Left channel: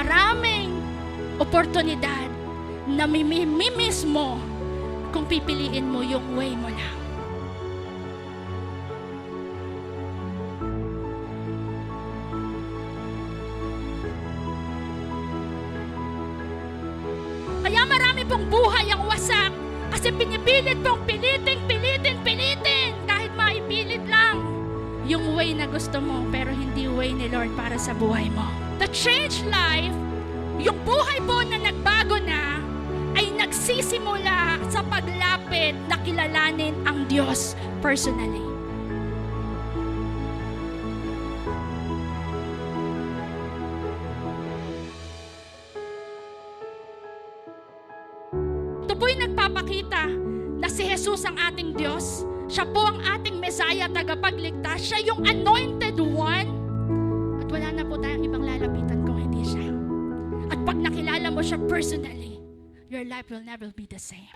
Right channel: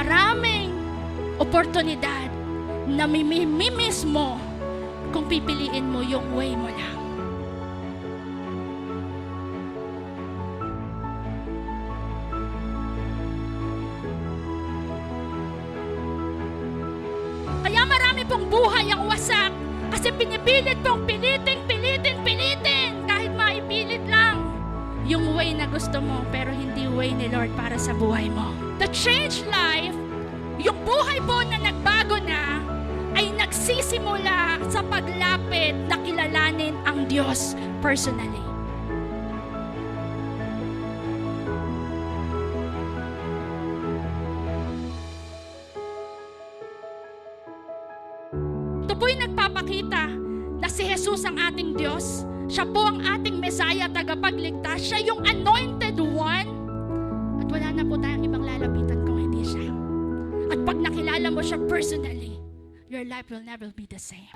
maraming oportunidad na mimiss mo kung pipiliin mo yung way mo lang. Kaya marami pong buhay ang wasak kasi pinipilit pong pilitin kahit maipilit lang yung way na gusto mo pero hindi way ni Lord para sa buhay mo. The changed life, yung buhay po na nagbago na, ay nagsisimula sa paglapit na kilalanin ang Diyos personally. Ito po'y nagpapakita na si Jesus ang ating Diyos. Siya po ang ating Messiah, tagapagligtas. Siya yung anointed one. At wala na po tayong ibang lalapitan kung hindi siya. At pag nakilala mo siya personally, your life will never be the same.